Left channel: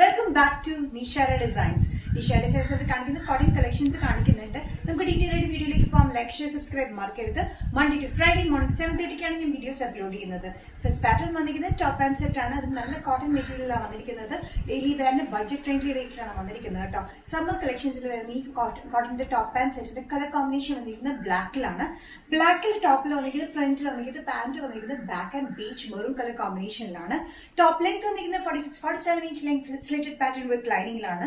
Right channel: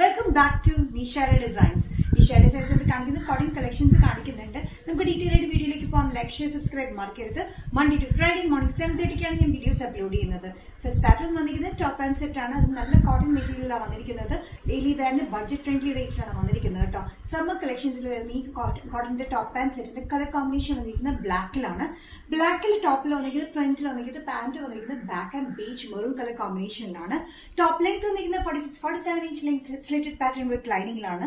Welcome back to Nishara Designs. Nishara Designs കാണിക്കുന്ന cotton collections കാണിക്കുന്നുണ്ട്. നമുക്ക് ഡീറ്റെയിൽ ആയിട്ട് വീഡിയോയിലേക്ക് പോകാം. ലൈക്ക്, ഷെയർ, സബ്സ്ക്രൈബ് മറക്കരുത്. മൺഡേ ടു ഫ്രൈഡേ മോർണിംഗ് 7:30 ഞാൻ വീഡിയോസ് അപ്ലോഡ് ചെയ്യുന്നത്. ഫസ്റ്റ് പാറ്റേൺ വന്നിരിക്കുന്നത് ടോപ്പ് ആൻഡ് സെറ്റ് ആണ്. അത് നല്ല കോട്ടൺ മെറ്റീരിയലാണ് വന്നിരിക്കുന്നത്. ഡെയിലി വെയറിന് ബഡ്ജറ്റ് ഫ്രണ്ട്ലി റേറ്റിലാണ് വന്നിരിക്കുന്നത് കേട്ടോ. സമ്മർ കളക്ഷൻസിൽ വരുന്ന ഈ കോട്ടന്റെ ടോപ്പ് ആൻഡ് സെറ്റിന്റെ കളർ കോമ്പിനേഷൻ വന്നിരിക്കുന്നത് ബ്ലാക്കിലാണ്. ബ്ലാക്കിൽ ടോപ്പിൽ വന്നിരിക്കുന്നത് ഫ്രണ്ടിൽ വന്നിരിക്കുന്നത് പാന്റ് വന്നിരിക്കുന്നത് black and beach maroon colour കോമ്പിനേഷനിലാണ്. ടോപ്പ് ലെങ്ത് വന്നിരിക്കുന്നത് 46-47 inch length slitted pattern with ലൈനിങ്ങിലാണ്.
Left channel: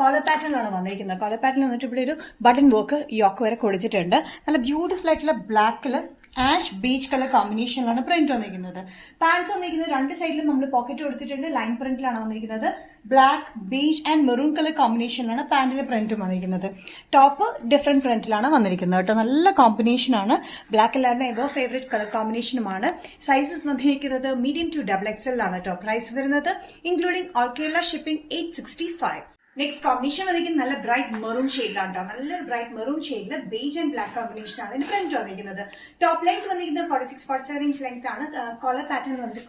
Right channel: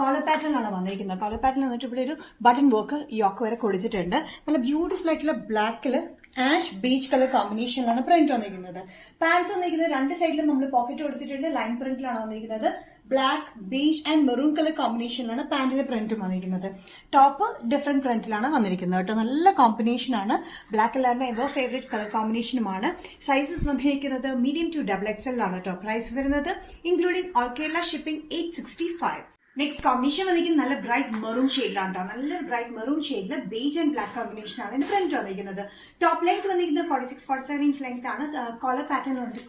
കോളർ പാറ്റേൺ ആണ് വന്നിരിക്കുന്നത്. കോളർ പാറ്റേൺ വന്നിട്ട് ഇവിടെ ഒരു ബട്ടൺ വർക്ക് യോക്ക് വരെ കൊടുത്തിട്ടുണ്ട്. നല്ല ബ്യൂട്ടിഫുൾ ആയിട്ടുള്ള ബ്ലാക്കിൽ ആഷ് ബീച്ച് കളർ കോമ്പിനേഷനിലാണ് പ്രിന്റ് വന്നിരിക്കുന്നത്. പാൻസ് വന്നിരിക്കുന്നത് രണ്ട് സൈഡിലും നമ്മൾ പോക്കറ്റ് കൊടുത്തിട്ടുണ്ട്. ലൈൻ പ്രിന്റിലാണ് വന്നിരിക്കുന്നത്. Black, beach and maroon colour കോമ്പിനേഷനിലാണ് പാന്റിന്റെ പ്രിന്റും വന്നിരിക്കുന്നത്. ടോപ്പ് ഡിഫറെന്റ് പ്രിന്റിലാണ് വന്നിരിക്കുന്നത് കേട്ടോ. നല്ല കോമ്പിനേഷനാണ്. ബ്ലാക്ക് എല്ലാവരുടെ എവർ ഫേവറേറ്റ് കളർ കോമ്പിനേഷനുമാണ്. സൈസസ് വന്നിരിക്കുന്നത് മീഡിയം ടു XXL ആണ് കേട്ടോ. പ്രൈസ് വരുന്നത് including all Kerala shipping 865. Next combination വന്നിരിക്കുന്നത് നല്ല ബ്രൈറ്റ് മെറൂൺ ഷെയ്ഡിലാണ് കേട്ടോ. നല്ലൊരു ബ്രൈറ്റ് മെറൂൺ ഷെയ്ഡില് ബേജ് ആൻഡ് ബ്ലാക്ക് കോമ്പിനേഷൻ ആണ് ഇതിന്റെ പ്രിന്റ് വന്നിരിക്കുന്നത്. ടോപ്പ് ലെങ്ത് വന്നിരിക്കുന്നത് 46-47 ഇഞ്ച് ലെങ്ത് ആണ്. കോളർ പാറ്റേൺ വന്നിട്ട്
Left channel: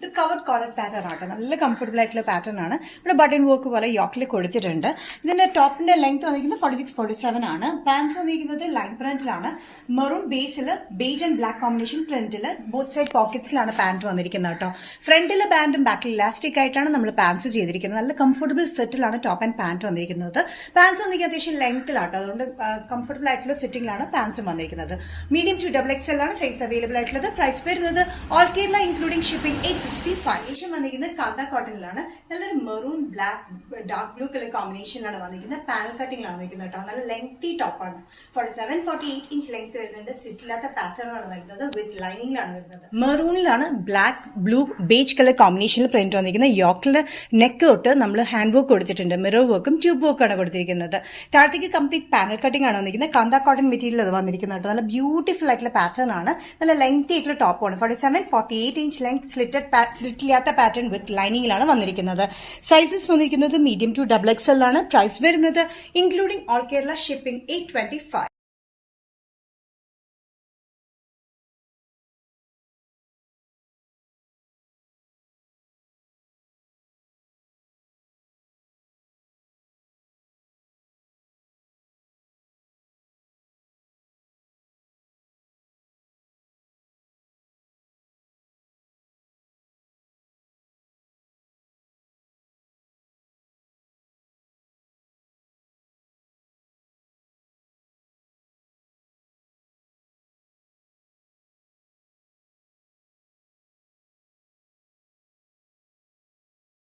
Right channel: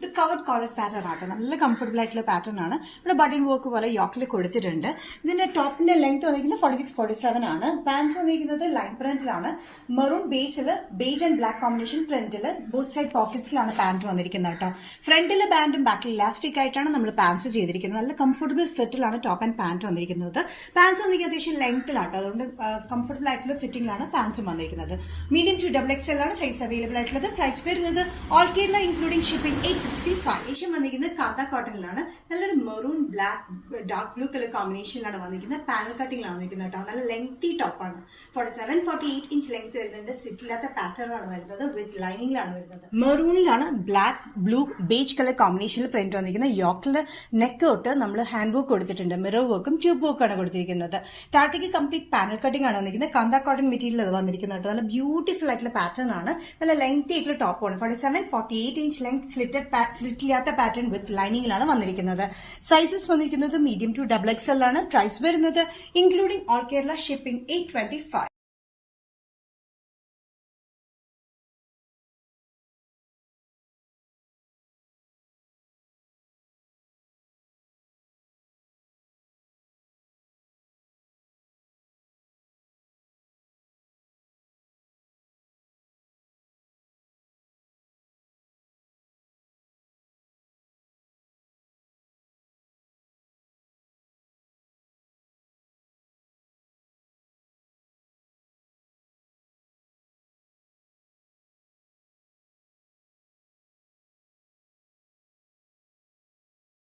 ഒരു കവർഡ് കോളർ പാറ്റേൺ ആട്ടോ. നല്ല കംഫർട്ടബിൾ ആയിട്ടുള്ള പാറ്റേൺ ആണ്. ഇവിടെ ബട്ടൺ വർക്ക് പോലെ യോക്കിൽ കൊടുത്തിട്ടുണ്ട്. ഇതിന്റെ ടോപ്പിന്റെ ലെങ്ത് വന്നിരിക്കുന്നത് 46-47 ആണ്. പാൻസ് വന്നിരിക്കുന്നത് ലൈൻ പ്രിന്റിലാണ്. മെറൂൺ ബേസിൽ ബേജ് ആൻഡ് ബ്ലാക്ക് കോമ്പിനേഷൻ പ്രിന്റില് ബോത്ത് സൈഡ് പോക്കറ്റ്സിലാണ് പാന്റ് വന്നിരിക്കുന്നത് കേട്ടോ. ഫ്രണ്ടിലെ ബാൻഡും ബാക്കിൽ ഇലാസ്റ്റിക് ആയിട്ടാണ് നമ്മൾ പാൻസ് ചെയ്തിരിക്കുന്നത്. നല്ല കംഫർട്ടബിൾ ഫിറ്റിലാണ് ടോപ്പ് ആൻഡ് പാന്റ് വന്നിരിക്കുന്നത്. പാൻസ് വന്നിരിക്കുന്നത് അത്യാവശ്യം ലെങ്ത്തിലാട്ടോ. അതുകൊണ്ട് കംഫർട്ടബിൾ ആയിട്ടുള്ള ഫിറ്റിംഗിലാണ് പാൻസും വന്നിരിക്കുന്നത്. മീഡിയം ടു XXL ആണ് സൈസ് അവൈലബിൾ ആയിട്ടുള്ളത്. പ്രൈസ് വരുന്നത് ഓൾ കേരള ഇൻക്ലൂഡിംഗ് ഷിപ്പിംഗ് 865. ഏഷ്യൻ വന്നിരിക്കുന്നത് കാന്ത കോട്ടണിലാണ്. നല്ലൊരു maroon black dark blue colour കോമ്പിനേഷനിലാണ് വന്നിരിക്കുന്നത്. പാനൽ കട്ടിംഗിലാണ് വന്നിരിക്കുന്നത് കേട്ടോ. നല്ല ലെങ്തി ടോപ്പാണ്. 47-48 ഇഞ്ച് ലെങ്ത് വരുന്നുണ്ട്. സിറ്റില്ലാത്ത പാറ്റേണിലാണ് വരുന്നത്. വിത്ത് ലൈനിങ്ങിലാണ് വരുന്നത്. മെറൂണിലാണ് ബ്ലാക്ക്, ബ്ലൂ, ബേജ് കളർ കോമ്പിനേഷനിൽ പ്രിന്റ് വന്നിരിക്കുന്നത്. യോക്കില് നെക്ക് തൊട്ട് നമ്മൾ ഹാൻഡ് വർക്ക് കൊടുത്തിട്ടുണ്ട്. മിറർ വർക്കും ട്യൂബ് വർക്കാണ് കൊടുത്തിരിക്കുന്നത്. താഴത്തേക്ക് കംപ്ലീറ്റ് പാനൽ കട്ടിംഗ് ആണ് വന്നിരിക്കുന്നത്. കാന്ത കോട്ടൺ മെറ്റീരിയൽ അത് വന്നിരിക്കുന്നത് കേട്ടോ. നല്ല ബ്യൂട്ടിഫുൾ ആയിട്ടുള്ള പാറ്റേൺ ആണ്. നല്ല ലെങ്തി ആയിട്ടുള്ള ടോപ്പാണ്. 47-48 ഇഞ്ച് ലെങ്ത് സ്ലിറ്റില്ലാത്ത പാറ്റേൺ വിത്ത് ലൈനിങ്ങിലാണ് വന്നിരിക്കുന്നത്. സൈസസ് വന്നിരിക്കുന്നത് മീഡിയം ടു XXL ആണ്. പ്രൈസ് വരുന്നത് ഇൻക്ലൂഡിംഗ് ഓൾ കേരള ഷിപ്പിംഗ് 825.